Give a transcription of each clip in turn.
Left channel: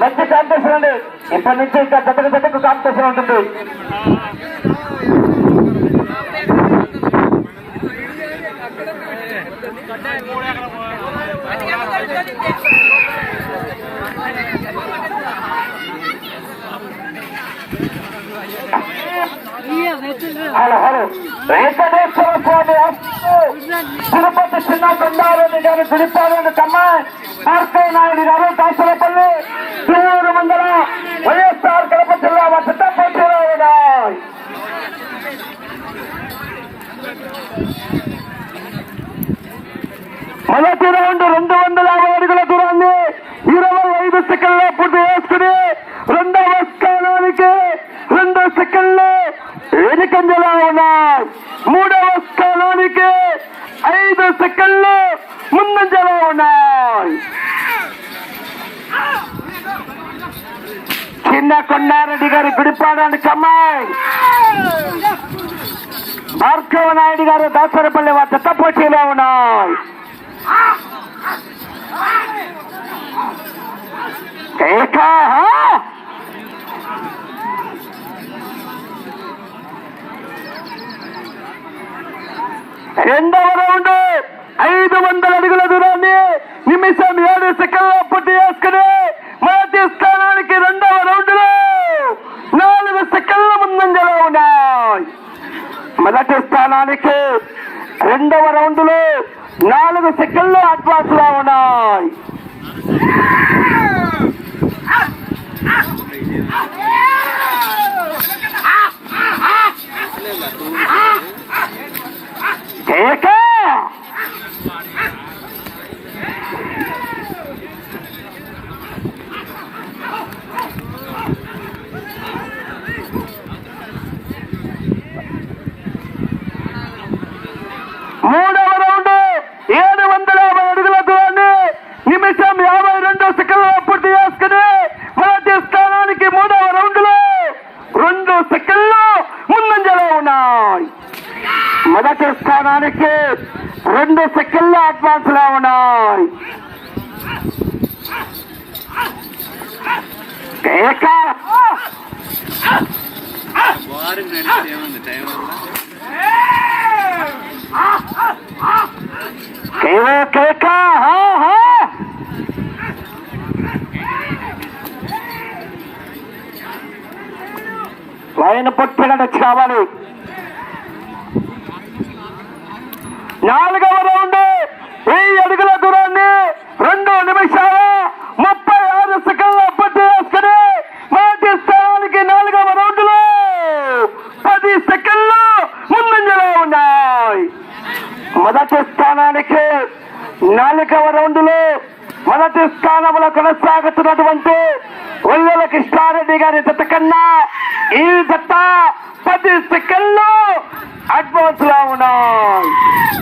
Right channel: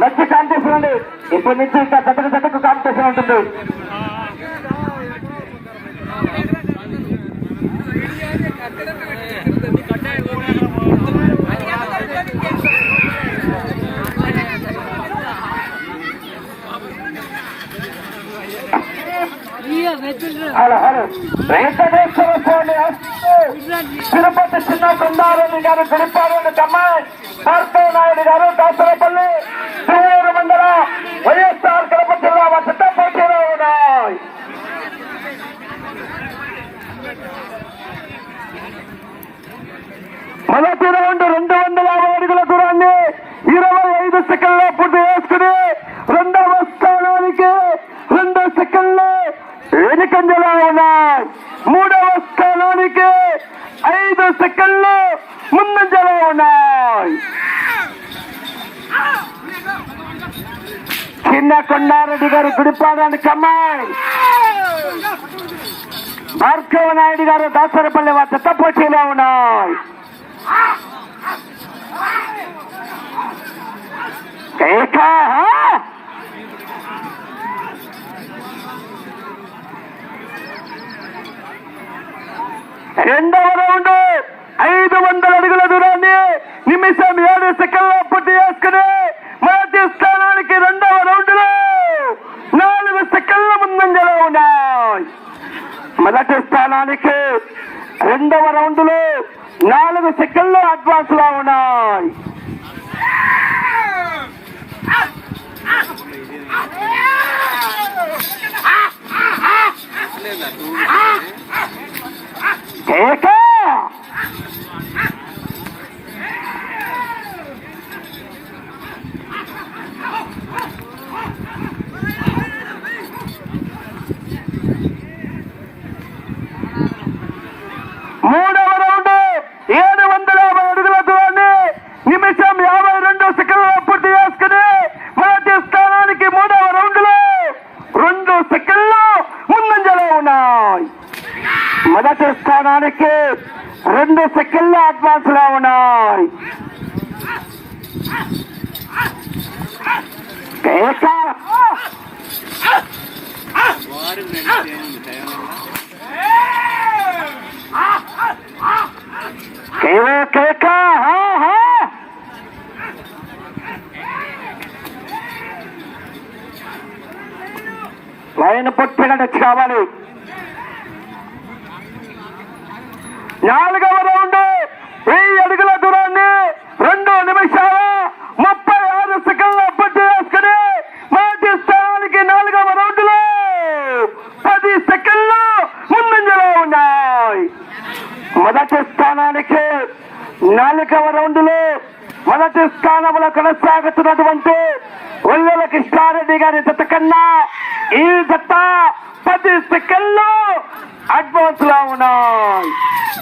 మంచి కాంపిటీషన్ ఉంది ఇప్పటి నుంచి ఇంకా దగ్గర జతకు కాంపిటీషన్ ఉంటుంది? వెంకటేశ్వర స్వామి తిరుపతి చిన్న కొండారెడ్డి గారు గుడిపాలని కమ్మాయి భార్గవ నాయుడు గారు దాసరపల్లి తిరువురు మండల వైఎస్ఆర్ కడప జిల్లా వసత పోటీలో ఉన్నాయి. మొదటి రౌండ్ రెండు వందల యాభై అడుగుల దూరాన్ని ఇరవై ఐదు సెకండ్ల పూర్తి చేసుకుని రెండవ స్థానానికి రెండు సెకండ్లు ఎనికంజలో ఉన్నాయి మూడవ స్థానానికి ఐదు సెకండ్లు ముందంజలో ఉన్నాయి చిన్న కొండారెడ్డి గారి గుడిపాడానికి అమ్మాయి భార్గవ నాయుడు గారు దాసరపల్లి వద్ద పోటీలో ఉన్నాయి ఏకా రెండవ రౌండ్ ఐదు వందల అడుగుల దూరాన్ని నిమిషం ఏడు సెకండ్ల పూర్తి చేసుకుని మొదటి స్థానానికి రెండవ రౌండ్ నాలుగు సెకండ్ల ముందంజలో ఉన్నాయి. మొదటి స్థానానికి రెండవ రౌండ్లో నాలుగు సెకండ్లు అడ్వాన్స్లో ఉన్నాయి కోట మూడవ రౌండ్ ఏడు వందల యాభై అడుగుల దూరాన్ని నిమిషం యాభై రెండు సెకండ్ల పూర్తి చేసుకుని మొదటి స్థానానికి మూడవ రౌండ్లో రెండు సెకండ్లు ముందంజలో ఉన్నాయి మొదటి స్థానానికి రెండు సెకండ్ల అడ్వాన్స్లో ఉన్నాయి. ఏకా. కేవే హా హా. లైన్ పొట్టిగడ కావాలి నాలుగవ రౌండ్ ఈ అడుగుల దూరాన్ని రెండు నిమిషాల ముప్పై ఆరు సెకండ్లు అప్పటి చేసుకుని మొదటి స్థానానికి నాలుగవ రౌండ్లు పది సెకండ్లు ముందంజలో ఉన్నాయి. మొదటి స్థానానికి నాలుగవ రౌండ్లు మొదటి స్థానంలో కొనసాగుతున్నటువంటి ఒల్లెల కృష్ణారెడ్డి గారి జత కన్నా ఈ జత పది సెకండ్లు అడ్వాన్స్లో ఉన్నాయి.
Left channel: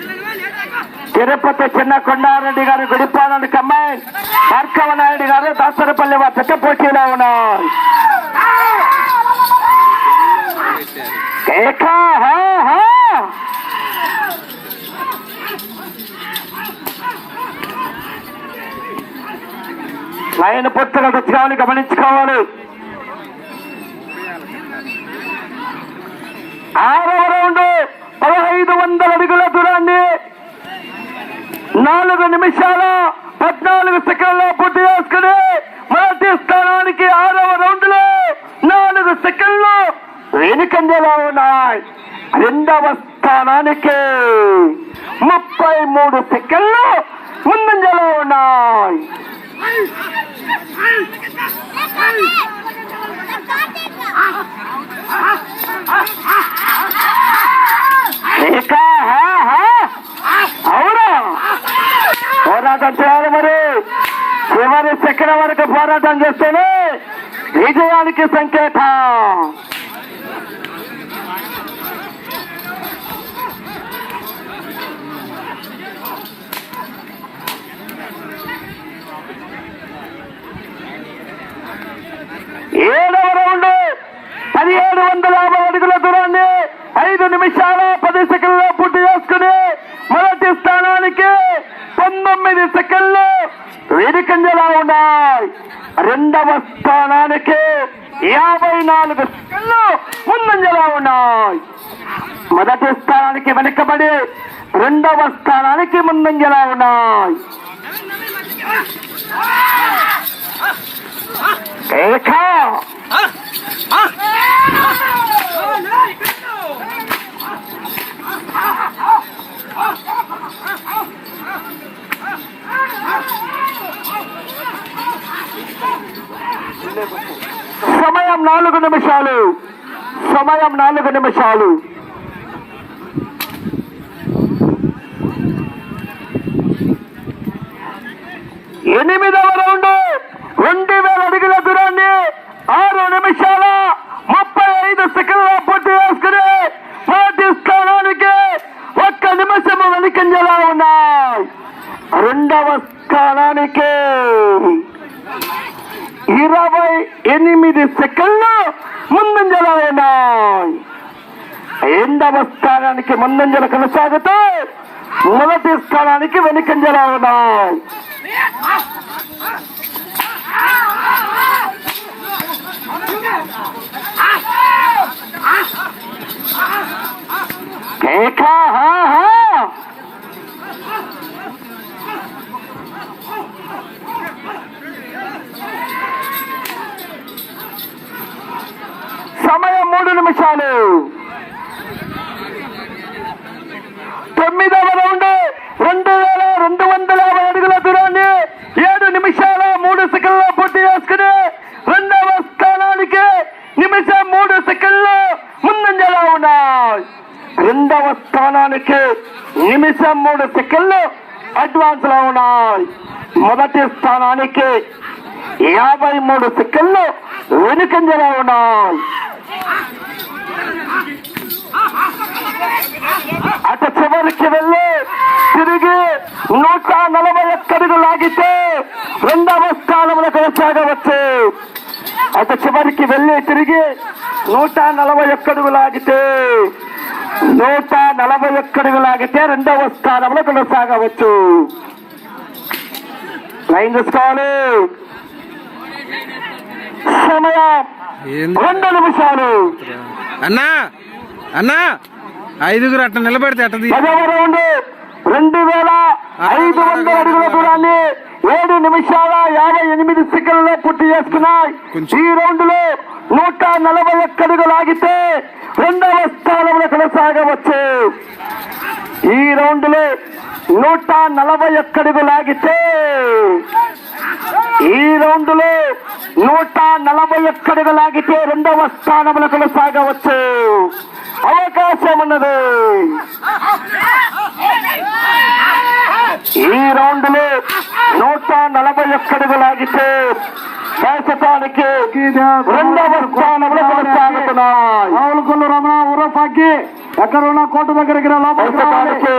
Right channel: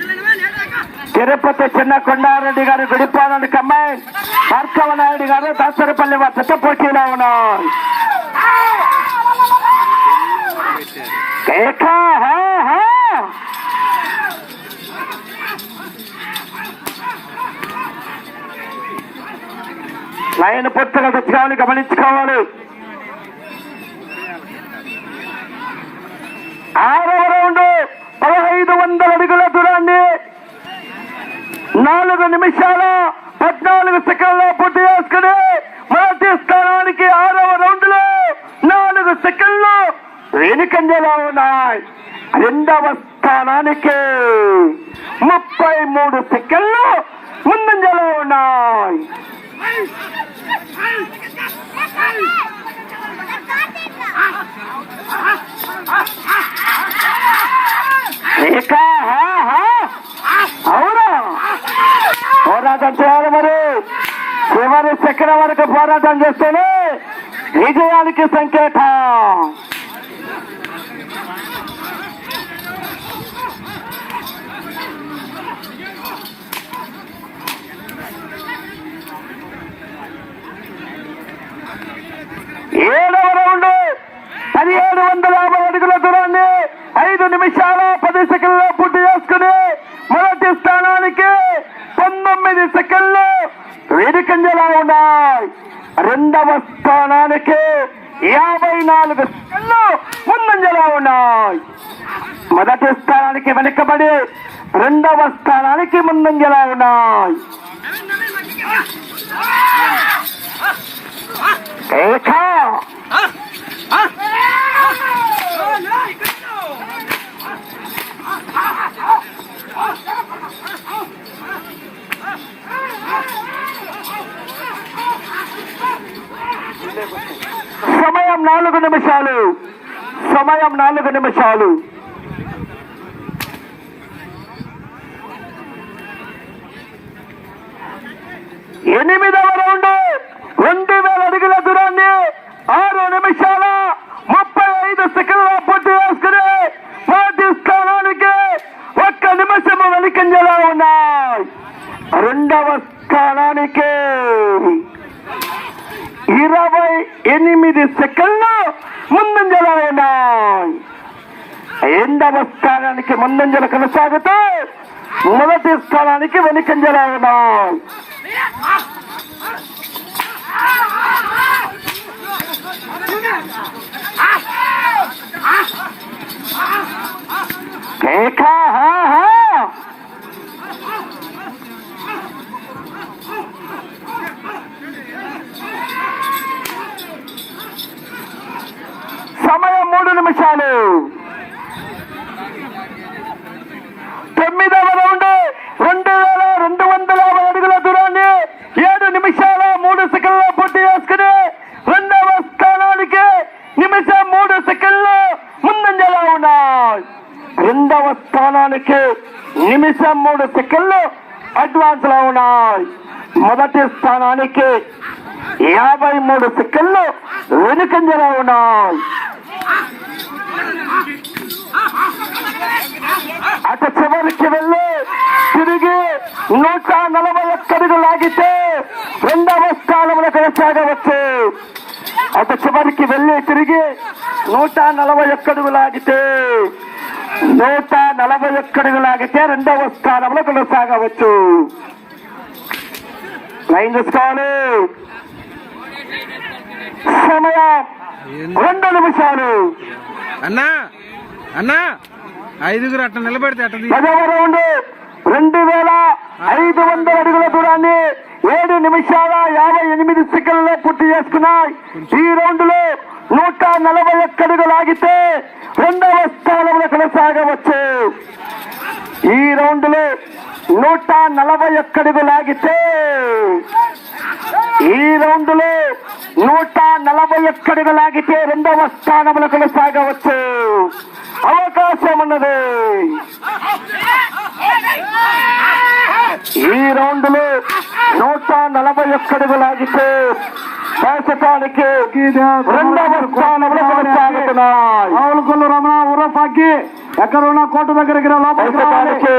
వెనుకంజలో తిరుపతి చిన్న కొండారెడ్డి గారు గుడిపాలని కమ్మాయి. భార్గవ నాయుడు గారు దాసరపల్లి వద్దకు పోటీలో ఉన్నారు. కేకా హా హా. లైన్ పొత్తుల దృశ్యాలు గమనించుకోవాలి. ఆరవ రౌండ్ పదహైదు వందల అడుగుల దూరాన్ని నాలుగు నిమిషాల పద్నాలుగు సెకండ్ల పూర్తి చేసుకుని మొదటి స్థానానికి ఆరవ రౌండ్లో నాలుగు సెకండ్లు వెనుకంజలో ఉన్నాయి. రెండవ స్థానానికి ముప్పై మూడు సెకండ్లు ముందంజలో ఉన్నాయి. పోరాటం చేయాలి మరి. చివరి చక్రం వరకు పోరాటం చేస్తేనే విజయానికి సంకేతం. ఏడవ రౌండ్. రెండవ స్థానానికి ముందంజలా ఉన్నాయి. సమయం నాలుగు నిమిషాలు. సమయం నాలుగు నిమిషాలు. ఎనిమిదవ రౌండ్. రెండు వేల అడుగుల దూరాన్ని ఆరు నిమిషాల ముప్పై ఐదు సెకండ్ల పూర్తి చేసుకుని మొదటి స్థానానికి ఒక్క నిమిషము వెనుకంజలా ఉన్నాయి రెండవ స్థానానికి ఇరవై ఎనిమిది సెకండ్లు ముందంజలా ఉన్నాయి రెండవ స్థానానికి ముందంజలు కొనసాగుతూ మొదటి స్థానానికి వెనుకంజలా ఉన్నాయి కేకా, హా, హా. సమయం మూడు నిమిషాలు తొమ్మిదవ రౌండ్ రెండు వేల రెండు వందల యాభై అడుగుల దూరాన్ని ఏడు నిమిషాల మూడు సెకండ్ల పూర్తి రెండవ స్థానానికి నిమిషం మూడు సెకండ్లు ముందంజలా ఉన్నాయి. రెండవ స్థానానికి నిమిషం మూడు సెకండ్లు అడ్వాన్స్లో ఉన్నాయి. మొదటి స్థానానికి యాభై మూడు సెకండ్లు వెనుకంజలో ఉన్నాయి. అటు చివరికి వెళ్ళి తిరిగి నూట నలభై ఒక్కడుగు లాగితే రెండవ స్థానంలో కొనసాగవచ్చు అటు చివరికి వెళ్ళి తిరిగి నూట నలభై ఒక్కడుగు లాగితే నూట నలభై ఒక్కడుగు లాగితే రెండవ స్థానంలో కొనసాగవచ్చు లైన్ చూసుకోవాలి. సమయం. రెండు నిమిషాలు. అన్నా! అన్నా ఐదుగురు అట్లా నిలబెడితే పదవ రౌండ్ వేల ఐదు వందల అడుగుల దూరాన్ని ఏడు నిమిషాల యాభై ఎనిమిది సెకండ్లలో పూర్తి చేసుకున్నాయి. ఈ రౌండ్లో నూట నలభై ఒక్క అడుగులు ఆగితే రెండవ స్థానంలో కొనసాగవచ్చు. ఈ రౌండ్లో నూట నలభై ఒక్క అడుగులు ఆగితే ఈ రౌండ్లో నూట నలభై ఒక్కడుగు లాగితే రెండవ స్థానంలో కొనసాగవచ్చు. అవకాశం ఉన్నది. ఈ రౌండ్లో నూట నలభై ఒక్కడుగు లాగితే ప్రస్తుతానికి రెండవ స్థానంలో కొనసాగుతున్నాయి. రావులకొల్లు రమణ ఊరపాకి ఎక్కడ ఉన్న కోట దగ్గరికి లోపలికి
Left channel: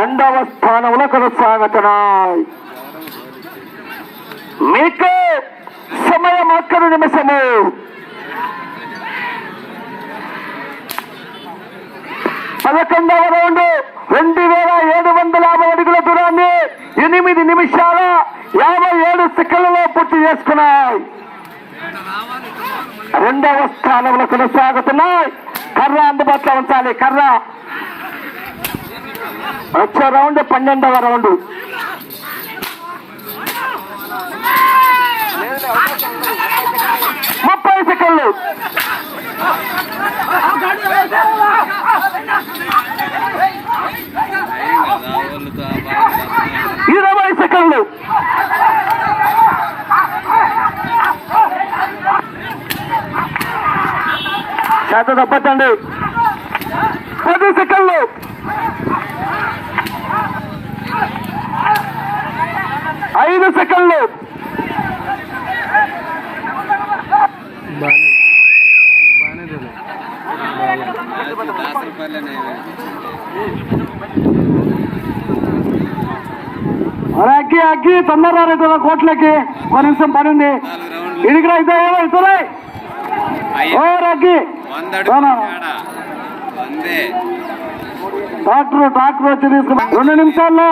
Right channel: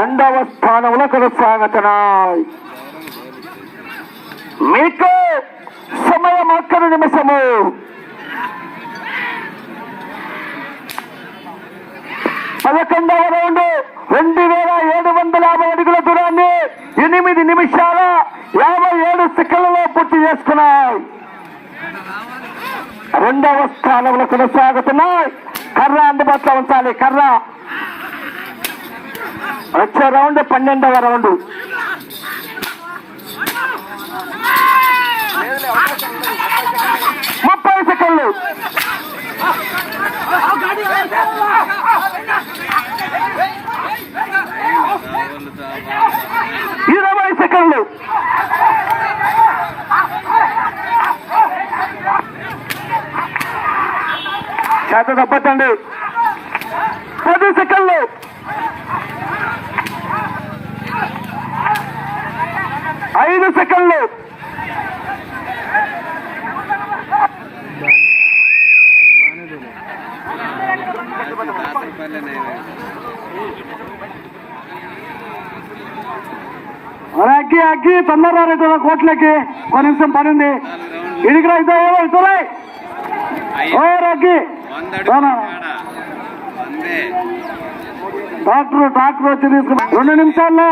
రెండవ స్థానంలో కొనసాగుతున్నాయి. మీకు సమయం అక్కడి నిమిషము. పదకొండవ రౌండ్ రెండు వేల ఏడు వందల యాభై అడుగుల దూరాన్ని ఎనిమిది నిమిషాల యాభై ఏడు సెకండ్లలో పూర్తి చేసుకున్నాయి. రెండవ స్థానంలో కొనసాగుతున్నాయి. కర్ర అందుబాటులో ఉంచాలి కర్ర. వచ్చే రౌండ్ పన్నెండవ రౌండ్. ముప్పై సెకండ్లు. సెకండ్లు. చేత తప్పండి పది సెకండ్లు. ఐదు సెకండ్లు. బాగానే బాగానే అరే అగ్గి అగ్గి తొందరగా రైతు కోట్లకి ఒక నిమిషం పడింది. ఉంది ఇడికి ఇదే ఇతరే. ఓ అగ్గి. డాక్టర్ డాక్టర్ వచ్చి తీసుకున్నాం రెండు నిమిషాల్లో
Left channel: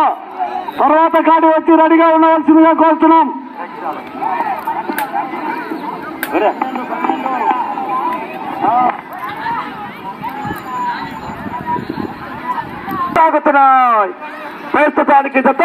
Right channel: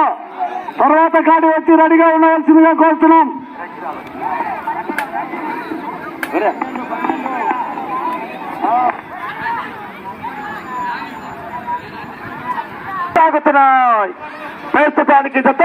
తర్వాత కాడి వచ్చి రెడీగా ఉండవలసిందిగా కోరుతున్నాం. సాగుతున్నాయి ప్రస్తుతానికి జత